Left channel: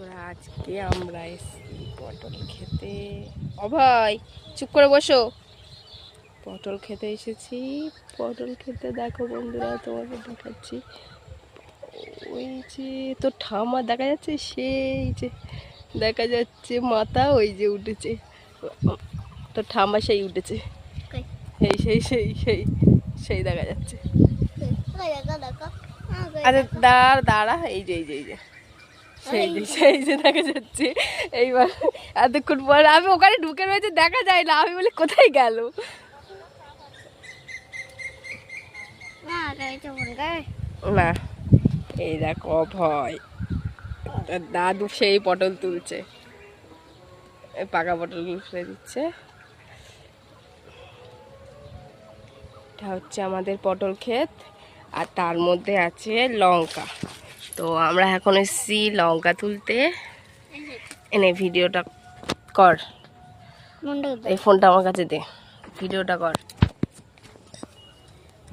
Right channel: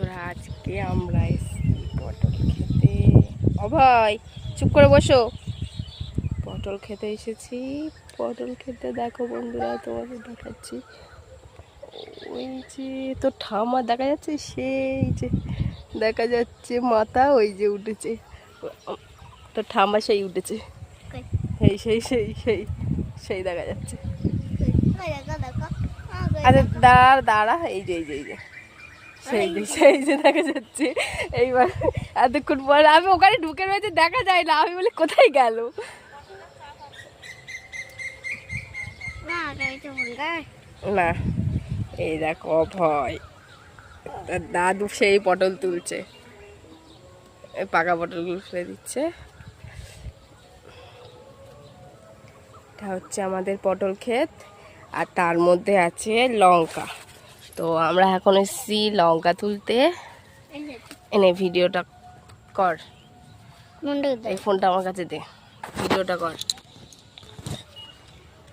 বন্ধুরা, আজকে আমরা এসেছি পটল খেতে। অভয় চুপ করে বসো। পটল খেতে এসেছি। পটল খেতে দেখো বন্ধুরা, তোমাদের দেখাচ্ছি। ওই যে তো ঠাম্মা দেখা যাচ্ছে, সেই যে দেখা যাচ্ছে মাথা, ওই যে উঠেছে তো ঠাম্মা, সেই উঠেছে, সেই সেই সেই সেই সেই দেখা যাচ্ছে। আচ্ছা দাঁড়া দাঁড়া, এই যে এই যে এই যে সেই যে দেখা যাচ্ছে। এইবার এতক্ষণ পর আমি ওখানে ঢুকে রয়েছে, দেখা যায় না। আমি বলি কোথায় গেল। না এই দেখো ভয়, দাদু সেই পটল তুলছে, পাকা পটলগুলো ফেলে দিচ্ছে। এটা হচ্ছে আমাদের পটল ক্ষেত, আর তার মধ্যে আছে লঙ্কা। তো আমরা এখন এসেছি লঙ্কা তুলতে। এনে ভিডিওটা কর, এই ফোনটা আমার কাছে দে, ভিডিওটা কর।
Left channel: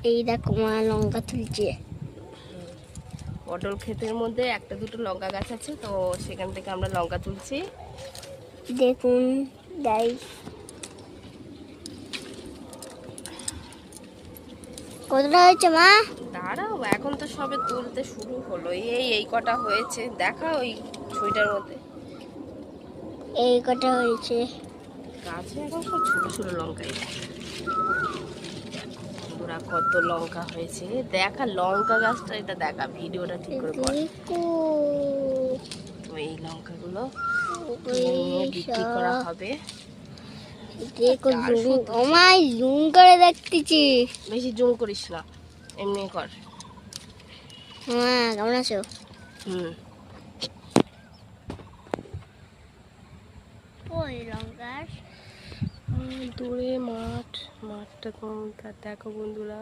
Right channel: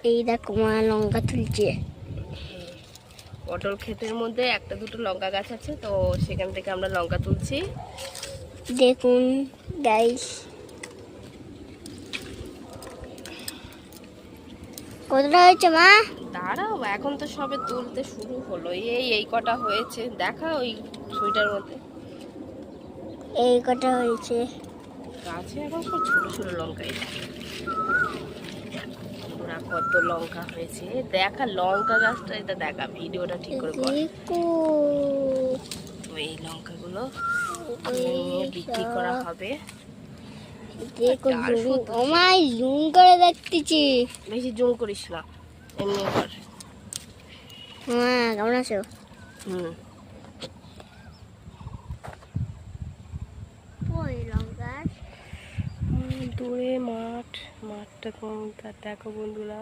এই দেখো মা লঙ্কা তুলছে। পটল ক্ষেতের মধ্যে একটা দুটো লঙ্কা গাছ আছে, তো সেখান থেকে আমরা লঙ্কা তুলছি। দেখুন গাইস, কতটা হয়েছে মা? দাঁড়াও, এখন তো সবে তুলতে শুরু হলো। এই কটা হয়েছে, দেখা ওই ছুরিটার মধ্যে এই কটা হয়েছে। গাছে এখন সব ছোট ছোট লঙ্কাই। কত লঙ্কা হয়েছে দেখা, লঙ্কা গাছটা এটা দেখা, ভিডিওটা ঠিক করে কর। দেখো এই লঙ্কাগুলো নিয়ে বিক্রি করা হবে। দেখো জুম, আমায় জুম করে দেখতেছি। বেশি জুম করিস না, এমনি কর। মা কেমন আছো? ওই লঙ্কা দূরে মাঠটা তোমার দেখো বন্ধুরা।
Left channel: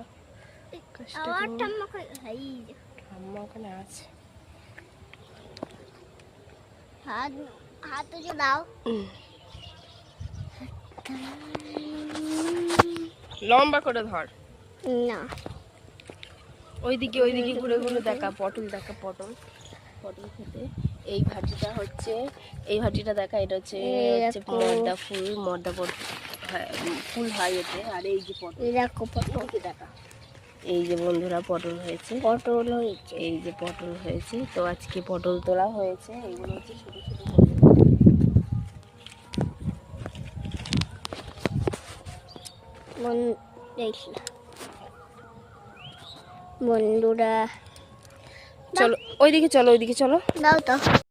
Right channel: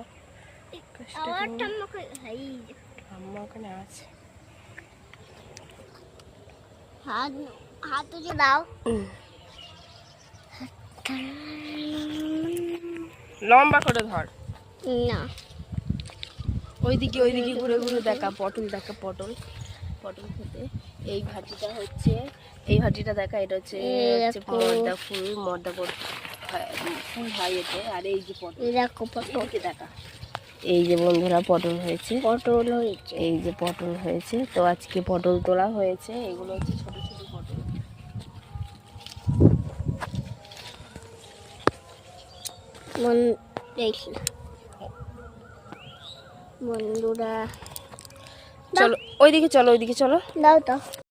ঠাম্মা ওখানে আছে। হাত তুলে দাও। লম্বা করে ধর না, ওইদিকে ঘুরে ঘুরে দেখা। পটল দেখা, পটল খেতে। এই ভাজিটা হচ্ছে, এই ভাজিটা দেখা, এটা হচ্ছে মর্দা ফুল, মর্দা ফুল হয় এতে। আর এই যে পটল দেখা, এই যে বন্ধুরা পটল হয়েছে, এই যে পটল হয়েছে। তো আজকে পটল তোলা হয়েছে। এগুলো হচ্ছে ছোট ছোট বন্ধুরা চলো ওইদিকে চলো, দাও তো।